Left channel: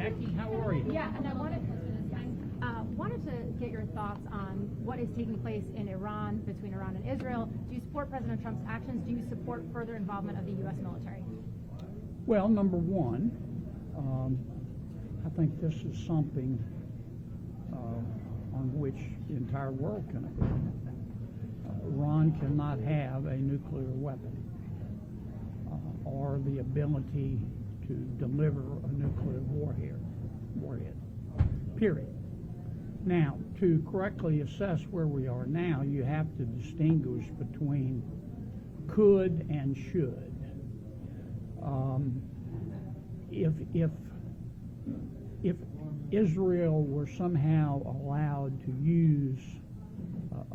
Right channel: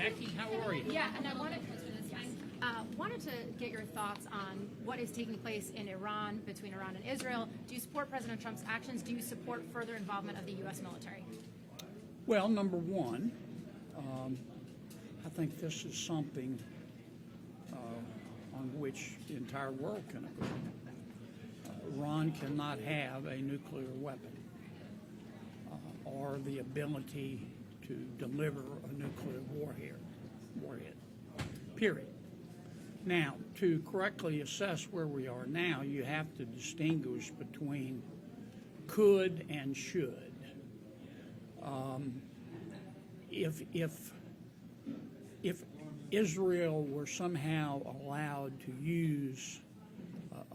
Jackie, how are you? Yeah, and I wanted to get your thoughts on what is taking place in Iran, between Iran and Israel. Do you support President Trump's actions? Do you support further involvement of the U.S. military? Well, number one, I think this is something on which the entire world can agree. Iran cannot have a nuclear weapon or the ability to deliver a nuclear warhead, period. Now, to correctly assess where we are now, you have to distinguish between could and should. If Israel were somehow allowed to use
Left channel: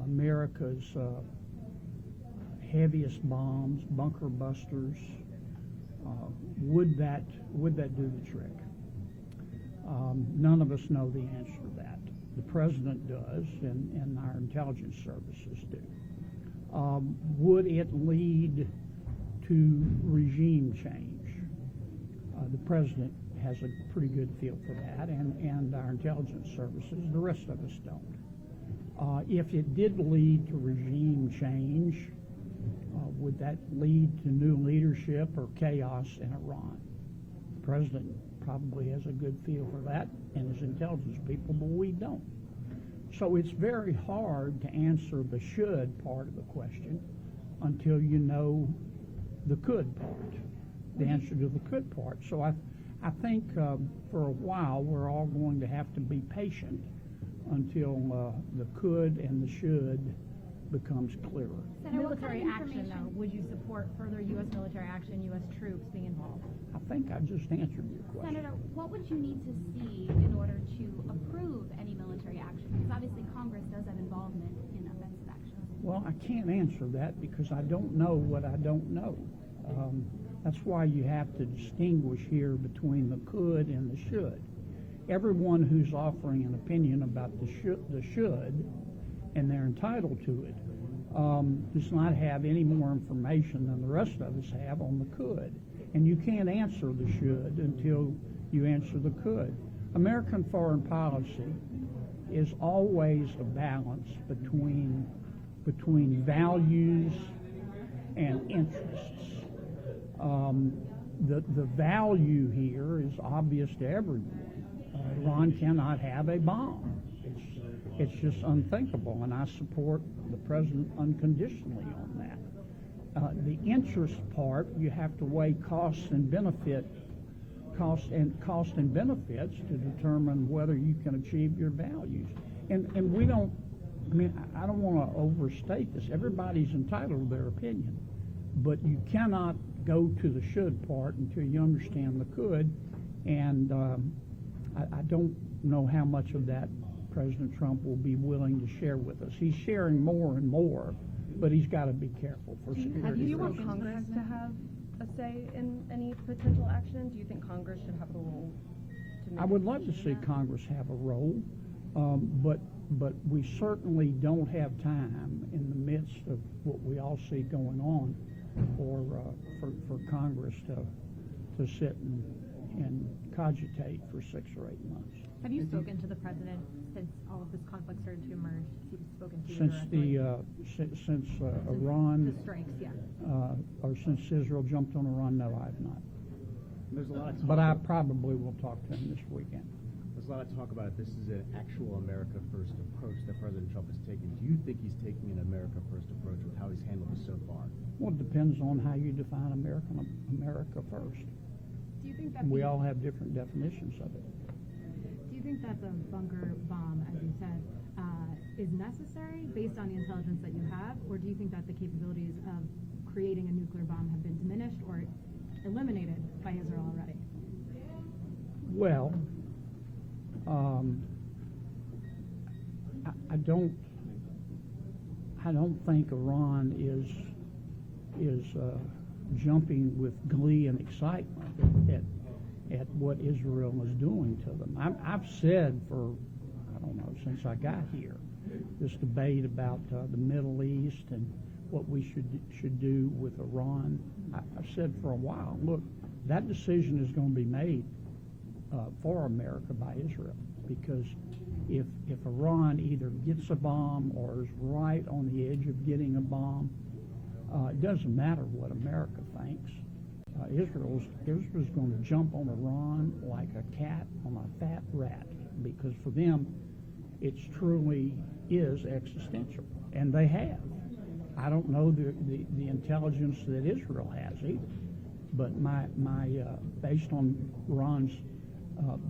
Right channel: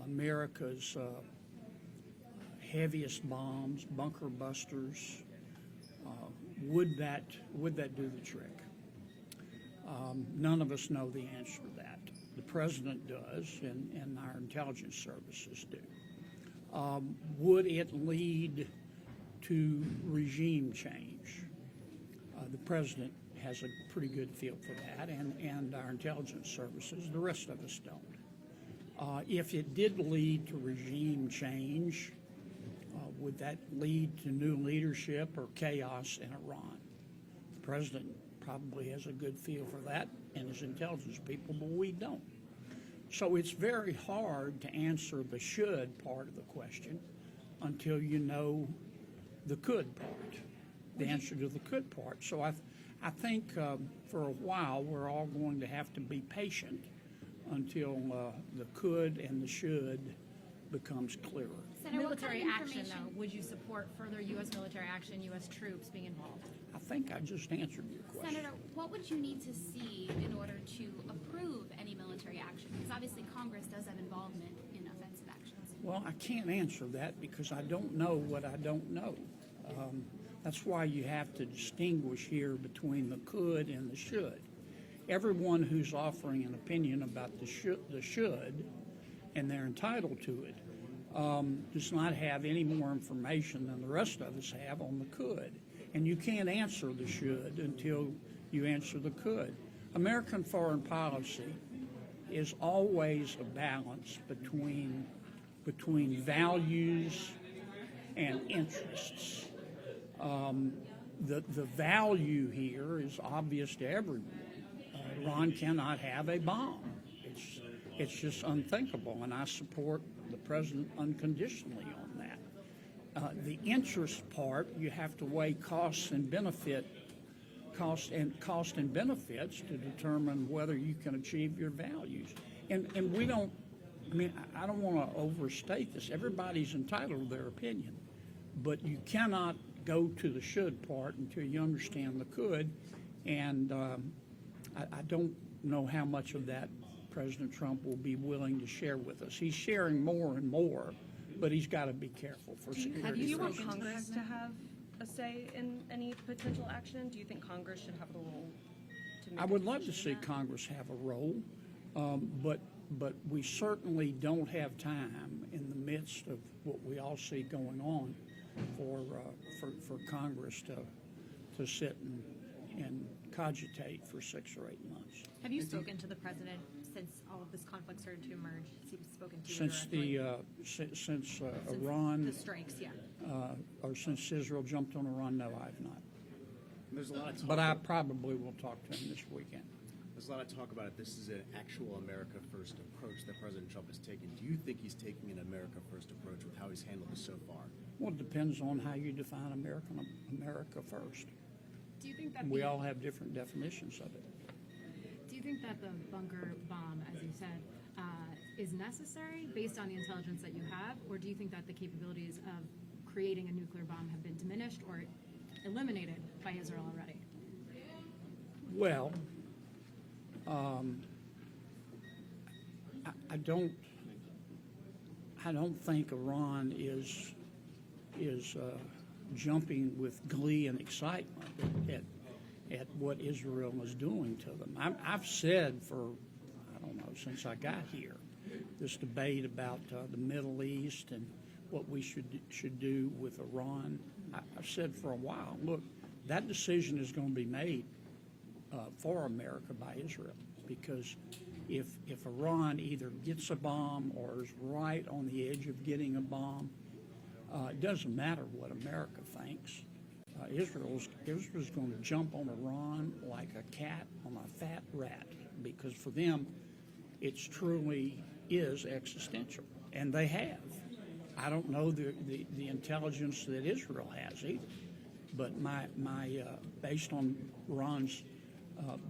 America's heaviest bombs, bunker busters, would that do the trick? None of us know the answer to that. The president does, and our intelligence services do. Would it lead to regime change? The president has a pretty good feel for that, and our intelligence services. The rest of us don't. If it did lead to regime change, would that lead to new leadership or chaos in Iran? The president probably has a good feel for that, and his intelligence people, but we don't. So it's very hard to answer the should part of the question until you know the could part, the answer to the could part. So I think for a while we're all going to have to be patient until the could and the should becomes clearer. Senator, military action, though, would you support further U.S. military action, U.S. troops being involved? I think I just answered your question. Senator, what would you need to see in order to approve any military action? Because obviously Congress does have involvement in offensive actions. Well, I can't answer that because I don't know what I don't know. That's why you have to distinguish here between the could and the should. Everyone who's offering an opinion about the should, and they're entitled to it, does not have any more information than the rest of us have on the could. And you can't answer the should until you answer the could. American foreign policy is always a balance between values and interests. The value here is obvious to everyone. Iran cannot have a bomb. It's just unthinkable, and I support the president unconditionally on that. The interest part, you have to weigh cost and benefits to determine whether you can achieve your values. And we don't. I mean, I don't want to overstate this. Everybody's entitled to their opinion, but you cannot go to the should part until you understand the could. And I don't know how much of that President Trump will be willing to share with us. He's sharing more and more, but he's got to be careful for security. Do you want Congress to have a say in any potential action? Do you think Congress should have a role to make I would love to see Congress have a role, but we certainly don't have time in the midst of what we all see going on for Congress to sit and cogitate for 6 or 8 months. Have you spoken to the president since all of this conflict started to emerge? Has he spoken to you Since Iran, the strikes, yeah. Or since Israel jumped on Iran? No, I have not. There's a lot of talk. But I probably will talk to him this weekend. There's a lot of talk about it. This is an actual America First approach that President Trump has taken. Do you think he's taking an America First approach with how he's handled this so far? Well, it depends on how you define America first. Do you think that We all have different definitions of it. Do you think that the bunker bomb, as you said, is necessary based on the intelligence that you have, or do you think that the capabilities of creating a nuclear bomb have been diminished or eliminated by Israel already? Well, I don't think Iran is jumping with glee and excitement at what Israel is doing to them. I've said for, I don't know, since I got here, this debate about the Middle East and what we should do with Iran. I've said for a while, look, that decision is going to be made for America by Israel, because if Iran either gets a bomb or is right on the edge of getting a bomb, it doesn't matter what America thinks. Israel's going to jump on Iran like a cat on a fat rat, because for them, it truly is existential, and they have. I don't know the intelligence that Israel has either, but my based on Iran's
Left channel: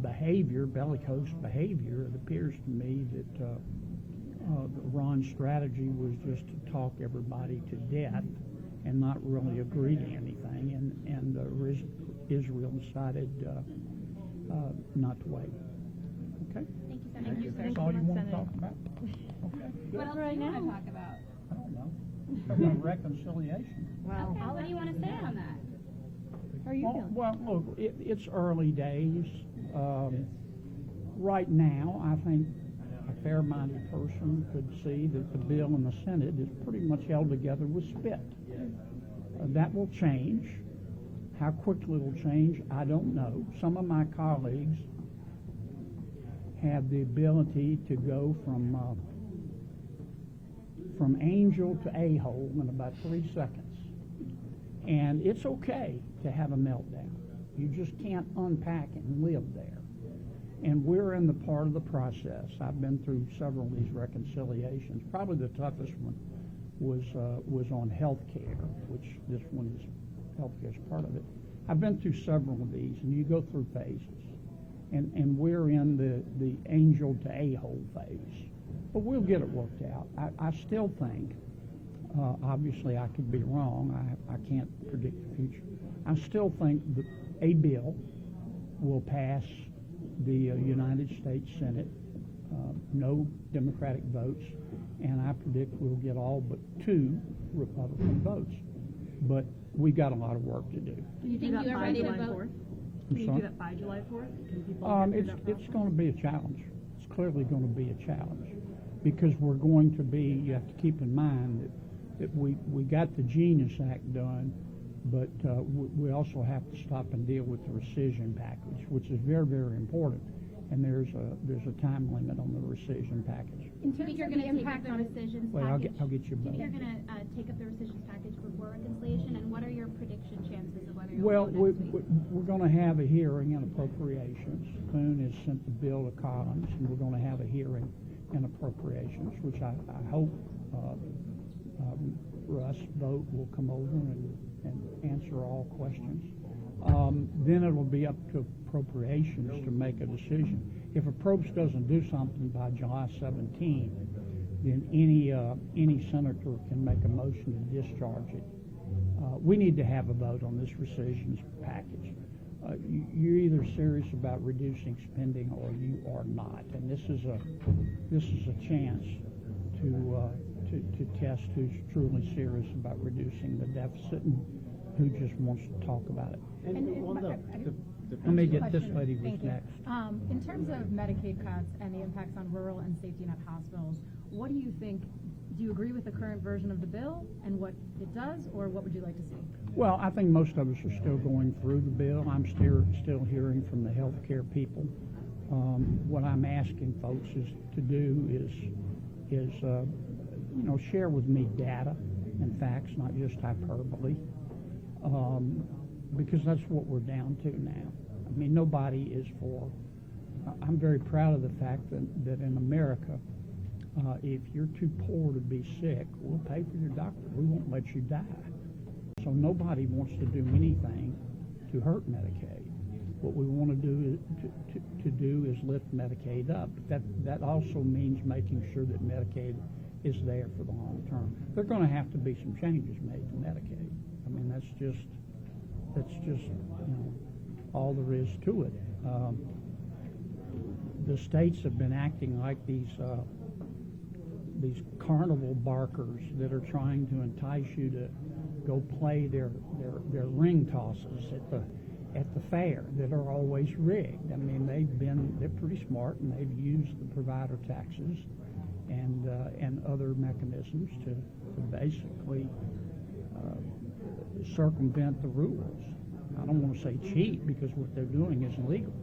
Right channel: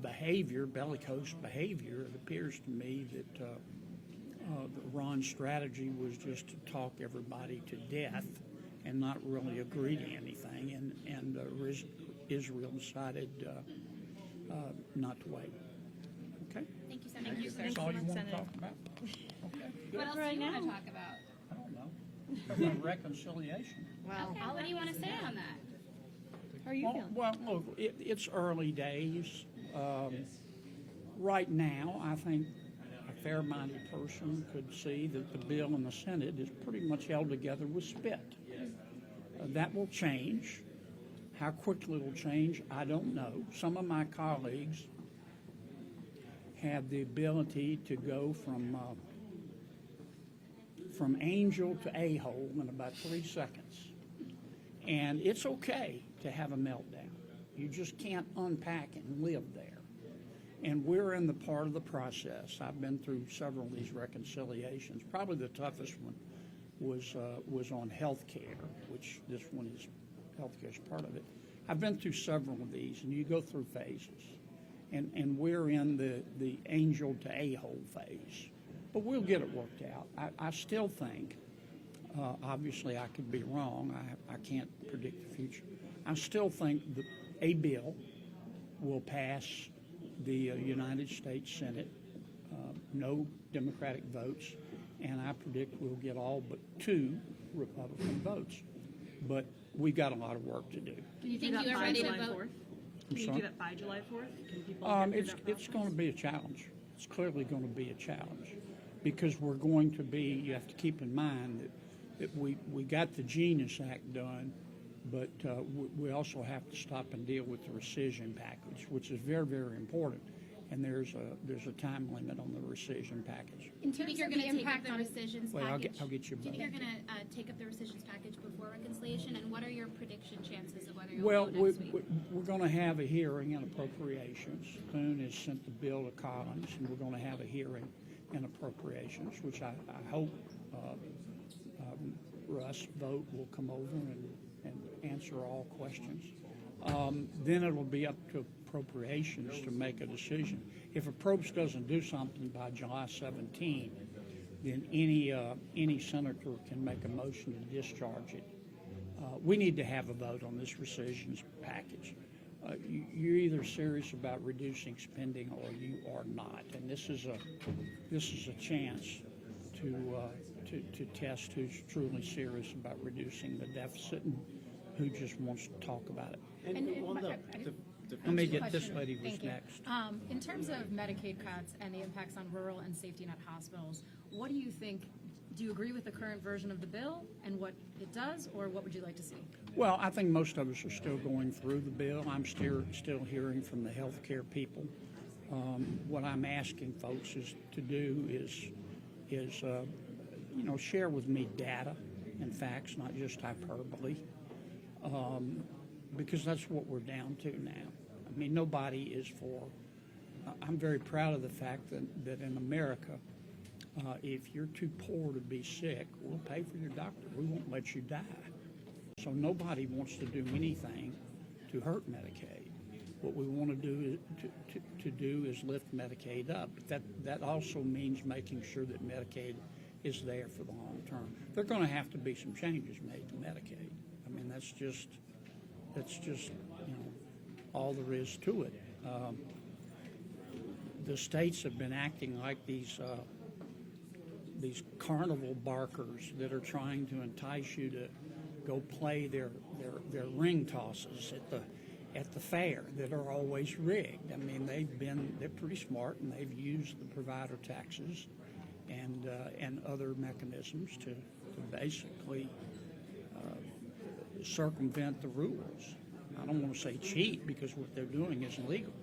behavior, bellicose behavior, it appears to me that Iran's strategy was just to talk everybody to death and not really agree to anything, and Israel decided not to wait. Okay? Thank you, Senator. Thank you, sir. That's all you want to Senator. talk about? Okay, good. What else do you want to talk about? I don't know. About reconciliation. Well, Okay, what do you want to say on that? How are you feeling? Well, look, it's early days. Right now, I think a fair-minded person could see that the bill in the Senate is pretty much held together with spit. That will change. How quickly it'll change, I don't know. Some of my colleagues have the ability to go from angel to a-hole in about 3 seconds. And it's okay to have a meltdown. You just can't unpack it and live there. And we're in the part of the process. I've been through several of these reconciliations. Probably the toughest one was on health care, which this one is, health care is part of it. I've been through several of these, and you go through phases. And we're in the angel to a-hole phase. But we'll get it worked out. I still think, obviously I could be wrong, I can't predict the future. I still think that a bill will pass the United States Senate, no Democratic votes, and I predict we'll get all but 2 Republican votes. But we've got a lot of work to do. Do you Do think that you are by ready to July vote? 4th? I'm Can you sorry? do that by July 4th? Can people get through that It's going to process? be a challenge. It's clearly going to be a challenge, because we're going to be, you have to keep in mind that we got the Genius Act done, but we also have to stop and deal with the rescission package, which is very, very important. And there's a time limit on the rescission package. Do you think you're going to take up the rescissions Well, package? I'll get you Do you think both. you're going to take up the rescissions package before reconciliation? And what are your prediction chances of whether you'll Well, vote next week? we're going to have a hearing in appropriations. Thune has sent the bill to Collins, and we're going to have a hearing in appropriations, which I hope Russ Vogt will come over and answer all questions. Then it'll be up to appropriations to make a decision. If Probes doesn't do something by July 17, then any senator can make a motion to discharge it. We need to have a vote on this rescissions package. You're either serious about reducing spending or you are not, and this is a chance to test who's truly serious about reducing the deficit and who just wants to talk about it. Let me get this lady who's Thank you. next. In terms of Medicaid cuts and the impacts on rural and safety net hospitals, what do you think? Do you agree with the current version of the bill and what it does, or what would you like to see? Well, I think most of us are still going through the bill. I'm still hearing from the healthcare people. What I'm asking folks to do is share with me data and facts, not just hyperbole, because that's what we're down to now. I mean, nobody is for. I'm very proud of the fact that in America, if you're too poor to be sick, we'll pay for your doctor. We won't let you die. So nobody wants to do anything to hurt Medicaid. What we want to do is lift Medicaid up. But that also means making sure that Medicaid is there for the long term. There are going to have to be some changes made to Medicaid. I mean, that's just all there is to it. The states have been acting like these carnival barkers that are trying to entice you to go play their ring tosses at the fair that are always rigged. I mean, they're pretty smart, and they've used the provider taxes and other mechanisms to basically circumvent the rules. I don't want to say cheat, because what they're doing is illegal,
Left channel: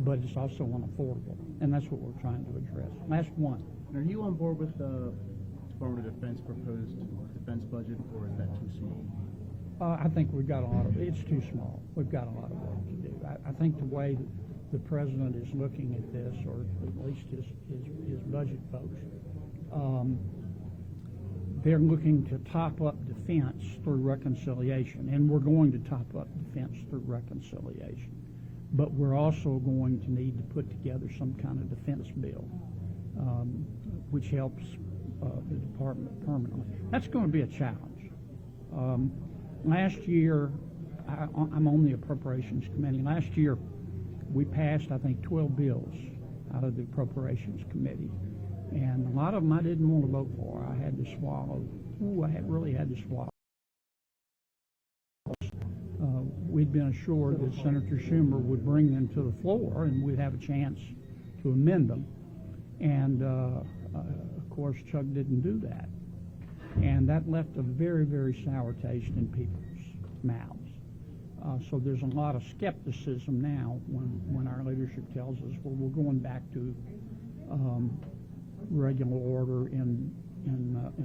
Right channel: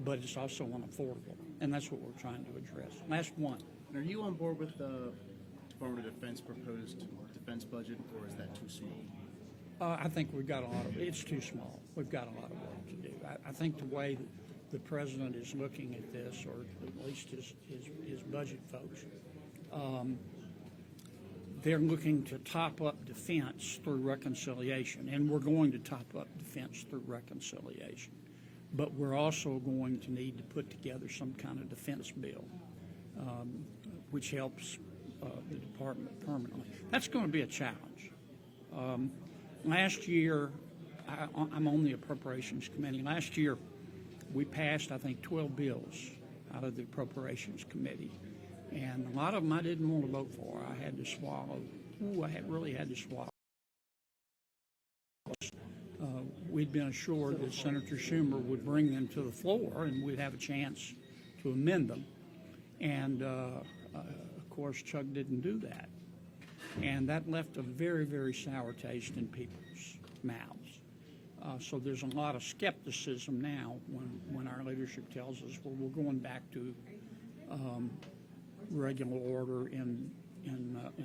but it's also unaffordable, and that's what we're trying to address. Last one. And are you on board with the Department of Defense proposed defense budget, or is that too small? I think we've got a lot of, it's too small. We've got a lot of work to do. I think the way the president is looking at this, or at least his budget folks, they're looking to top up defense through reconciliation, and we're going to top up defense through reconciliation. But we're also going to need to put together some kind of defense bill, which helps the department permanently. That's going to be a challenge. Last year, I'm on the Appropriations Committee. Last year, we passed, I think, 12 bills out of the Appropriations Committee. And a lot of them I didn't want to vote for. I had to swallow. Really had to swallow. We'd been assured that Senator Schumer would bring them to the floor and we'd have a chance to amend them. And, of course, Chuck didn't do that. And that left a very, very sour taste in people's mouths. So there's a lot of skepticism now when our leadership tells us, well, we're going back to regular order in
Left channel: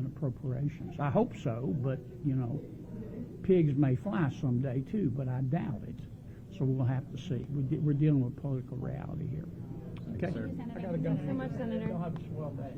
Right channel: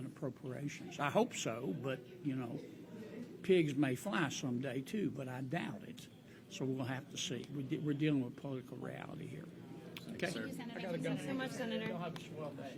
appropriations. I hope so, but, you know, pigs may fly someday too, but I doubt it. So we'll have to see. We're dealing with political reality here. Okay. Thank you, Senator. I gotta go. Thanks so much, Senator. Y'all have a swell day.